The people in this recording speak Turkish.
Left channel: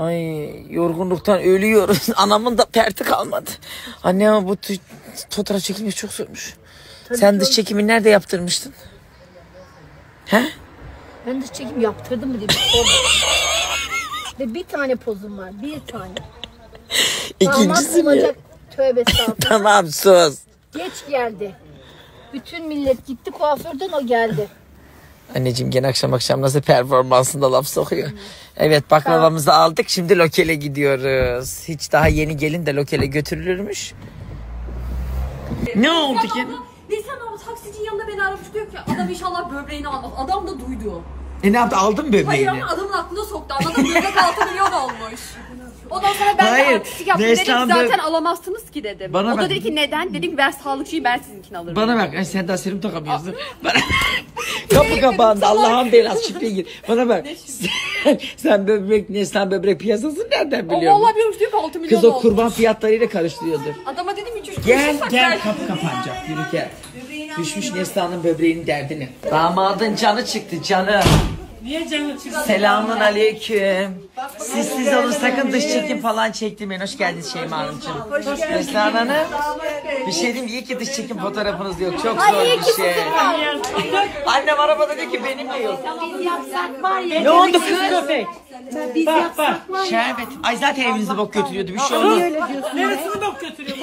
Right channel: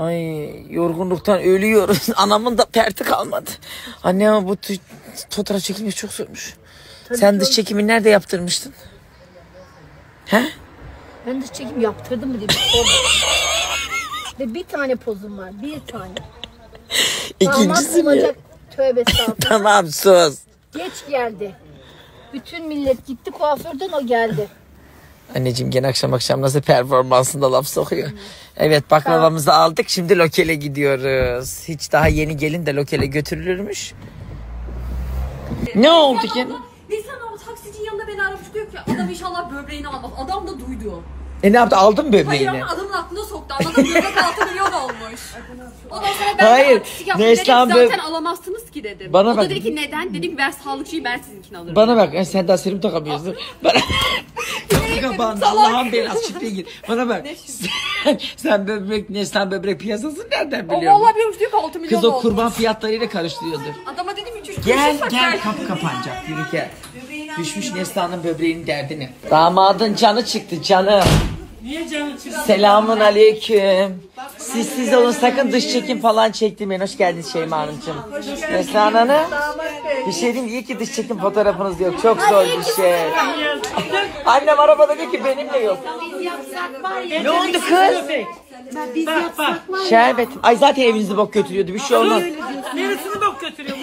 Ay yorgunluktan ölüyoruz. Anamın da perti kalmadı. Anne ama bu fotoğraf çekilmek çok zormuş. Tabii sen dış çekimi nerede yaptırmıştın? He? Ben dış çekim yaptırdım mı diye bir sorun. Ve bir tane pozum var. Bir tane. İkincisi mi? Tövbe estağfurullah. Tamam sus. Geç geldi. Bütün millet gitti kuaförden, o geldi. Anneciğim gene akşam nasıl performansında laf sokuyor. Evet baklavamızı aldık, şimdi lokele gidiyoruz. Hiç daha yeni gelin de lokele götürülürmüş. Ne oldu ki? Nisan abla taksicinin yanında beni aramış, diyor ki adam inşallah böbreğini almaz. Adam da duydu. Ne yaptı, aldın böbreğini? Hayır ama adamın aklına soktu. Anladın mı? Böbrek 6 milyon olmuş. Ondan sonra ben de artistik yaptım. Dedim zaten alamazsınız ki dedim. O da dedi ki neden? Dedim ben sağlıkçıyım, ben sizinkini alırım. Bana bak, sen daha serum takamıyorsun. Kapı kapandı, Allah'ın belası, şifreye gir. Bana bak, sen böbrek piyasası nereden biliyorsun? O vallahi biliyormuş, diyor ki 6 milyon olmuş. Kız o kurban fiyatlarıyla karıştırıyordur. Adama dedim 3 Gel kapı kapanacak, yürü gel. Düşmüş Neslihan'ın böbreğinin derdini. Damadın canı çıktı canım. Niye canı çıktı? Selamun aleyküm. Siz olun, sakın dış çekim falan çektirmeyin. Hoş geldiniz Şeyma Hanımcığım. Neslihan Hanım. Bir şey diyeyim, iyi ki dış çekim fotoğrafınız yok. Çok zor bir şey. Annem arabada diyor ki benim de yok. Ne oldu kız? Bak. Şerbet. Ay zaten evinizi bok götürüyordu. Bir şey olmaz. Neresini bok götürüyor?